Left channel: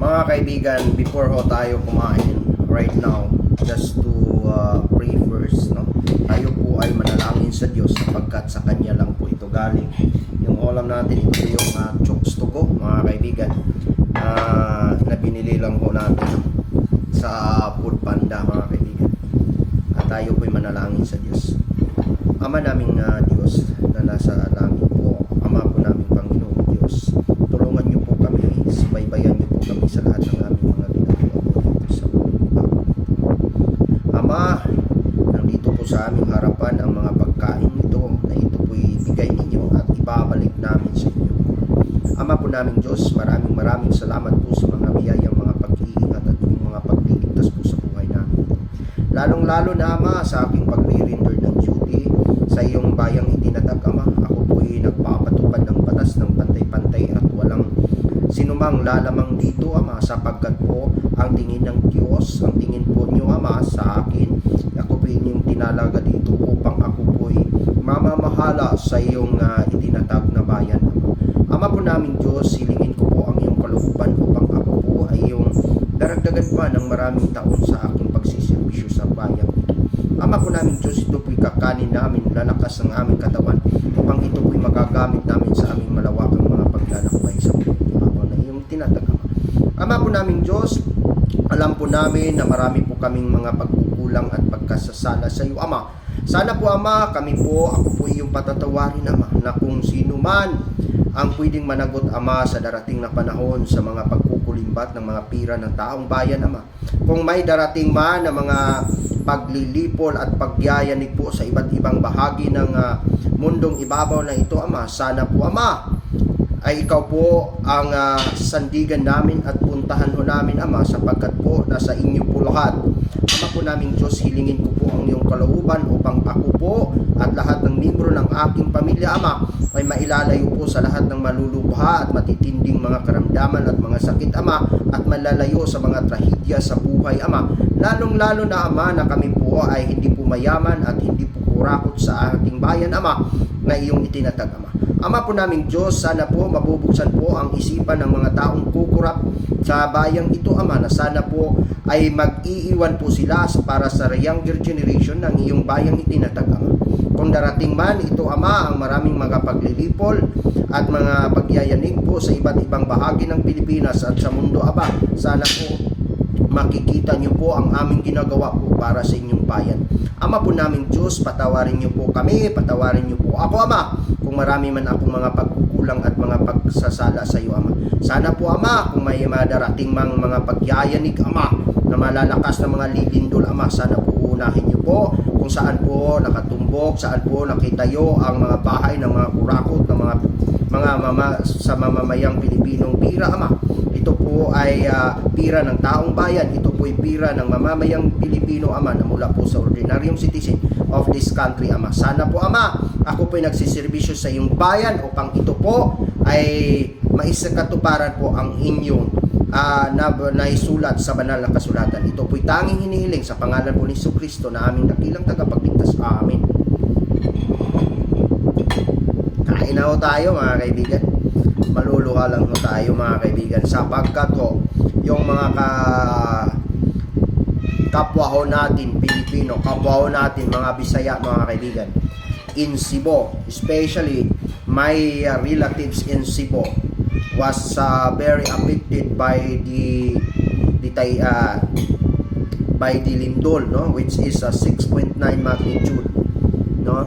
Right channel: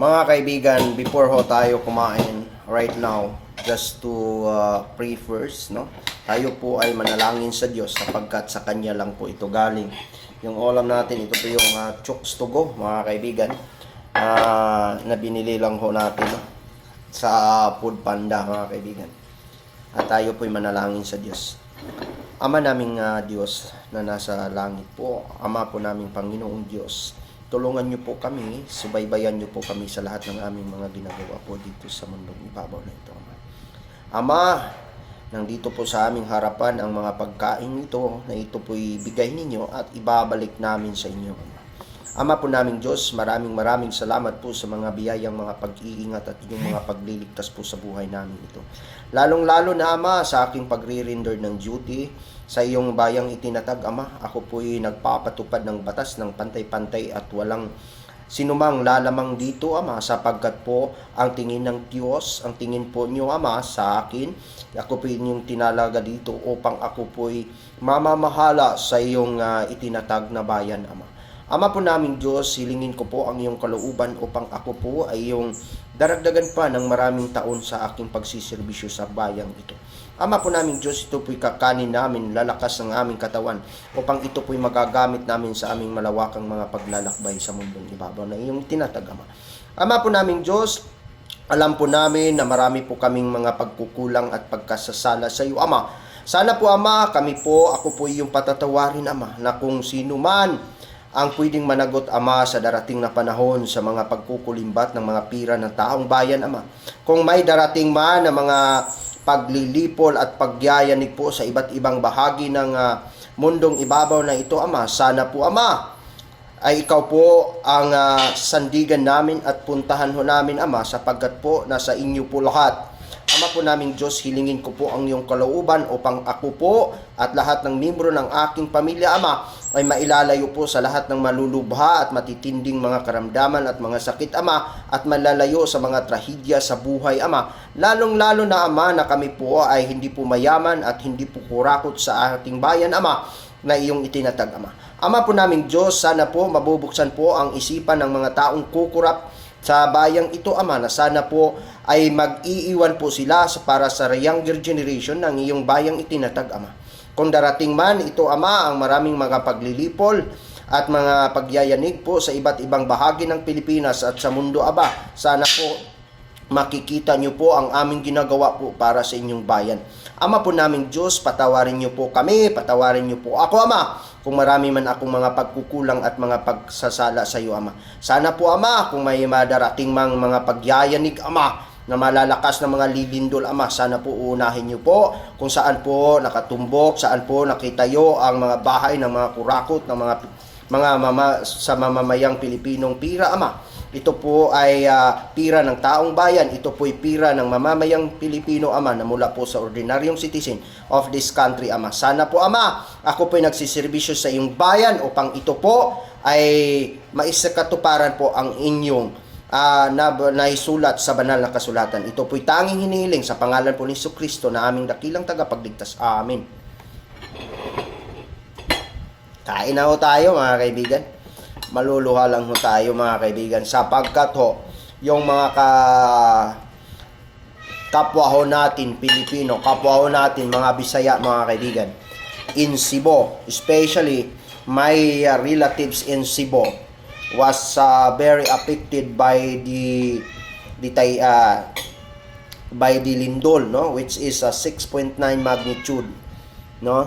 Mga kaibigan, before ho tayo kumain right now, just to pray first, no? Tayo po ay manalangin sa Diyos sapagkat sa Kanya lang po ito galing. Yung ulam natin, ito po yung chooks to go, mga kaibigan, na binili lang ho natin, no? Sa Food Panda, mga kaibigan. At tayo po ay manalangin sa Diyos. Ama naming Diyos na nasa langit po, Ama po naming Panginoong Diyos, tulungan niyo po kami, subaybayan niyo po kami sa lahat ng aming mga ginagawa po dito sa mundong ibabaw nito. Ama, nandito po sa aming harapan ang mga pagkain nito na ito po'y bigay ninyo at ibabalik namin sa inyo. Ama po naming Diyos, maraming salamat po sa mga biyayang mga pag-iingat at inyong mga pagliligtas po sa buhay namin ito. Lalong-lalo na Ama sa aking pagre-render ng duty sa iyong bayang itinatag, Ama. Ako po'y nagpapatupad ng batas ng pantay-pantay at walang sinumang lalamang dito, Ama, sapagkat po ang tingin ng Diyos, ang tingin po niyo, Ama, sa akin, ako po inyong tinalaga dito upang ako po'y mamamahala sa iyong itinatag na bayan, Ama. Ama po naming Diyos, hilingin ko po ang iyong kalooban upang ako po ay iyong daragdagan pa ng maraming taon sa aking pagsiservisyo sa bayang ito. Ama po naming Diyos, ito po'y kakanin namin, lalakas ng aming katawan upang ito po'y magagamit namin sa aming malawakang mga paglalakbay sa mundong ibabaw na iyong tinatag, Ama. Ama po naming Diyos, alam po namin na marami po kaming mga pagkukulang at pagkasasala sa iyo, Ama. Sana po, Ama, ako po iyong patatawarin, Ama, na kung sino man ang pwedeng managot, Ama, sa darating na panahon sa mga pagkukulimbat ng mga pira ng taong bayan, Ama. Kung may darating man na mga paglilipol at pagyayanig po sa iba't ibang bahagi ng mundong ibabaw na ito, Ama, sana po, Ama, ay ikaw po ang sandigan namin at puntahan ho namin, Ama, sapagkat po nasa inyo po lahat. Ama po naming Diyos, hilingin ko po ang iyong kalooban upang ako po at lahat ng miyembro ng aking pamilya, Ama, ay mailalayo po sa lahat ng malulubha at matitinding mga karamdaman at mga sakit, Ama, at malalayo sa mga trahedya sa buhay, Ama. Lalong-lalo na, Ama, na kami po ay hindi po mayaman at hindi po kurakot sa ating bayan, Ama, na iyong itinatag, Ama. Ama po naming Diyos, sana po mabubuksan po ang isipan ng mga taong kukurap sa bayang ito, Ama, na sana po ay mag-iiwan po sila para sa younger generation ng iyong bayang itinatag, Ama. Kung darating man ito, Ama, ang maraming mga paglilipol at mga pagyayanig po sa iba't ibang bahagi ng Pilipinas at sa mundo, Aba, sana po makikita niyo po ang aming ginagawa po para sa inyong bayan. Ama po naming Diyos, patawarin niyo po kami, patawarin niyo po ako, Ama, kung marami man akong mga pagkukulang at mga pagsasala sa iyo, Ama. Sana po, Ama, kung may madarating mang mga pagyayanig, Ama, na malalakas na mga lilindol, Ama, sana po unahin niyo po kung saan po nakatumbok, saan po nakitayo ang mga bahay ng mga kurakot, ng mga sa mamamayang Pilipinong pira, Ama. Ito po ay pira ng taong bayan. Ito po ay pira ng mamamayang Pilipino, Ama, na mula po sa ordinaryong citizen of this country, Ama. Sana po, Ama, ako po ay nagsiservisyo sa iyong bayan upang ito po ay maisakatuparan po ang inyong naisulat sa banal na kasulatan. Ito po'y tanging hinihiling sa pangalan po ni Jesucristo na aming dakilang tagapagligtas. Amen. Kain na ho tayo, mga kaibigan. Maluluha lang ho tayo, mga kaibigan, sapagkat ho yung mga kapwa ho natin Pilipino, kapwa ho natin mga Bisaya, mga kaibigan, in Cebu, especially my relatives in Cebu was very affected by the lindol, no, which is a 6.9 magnitude, no.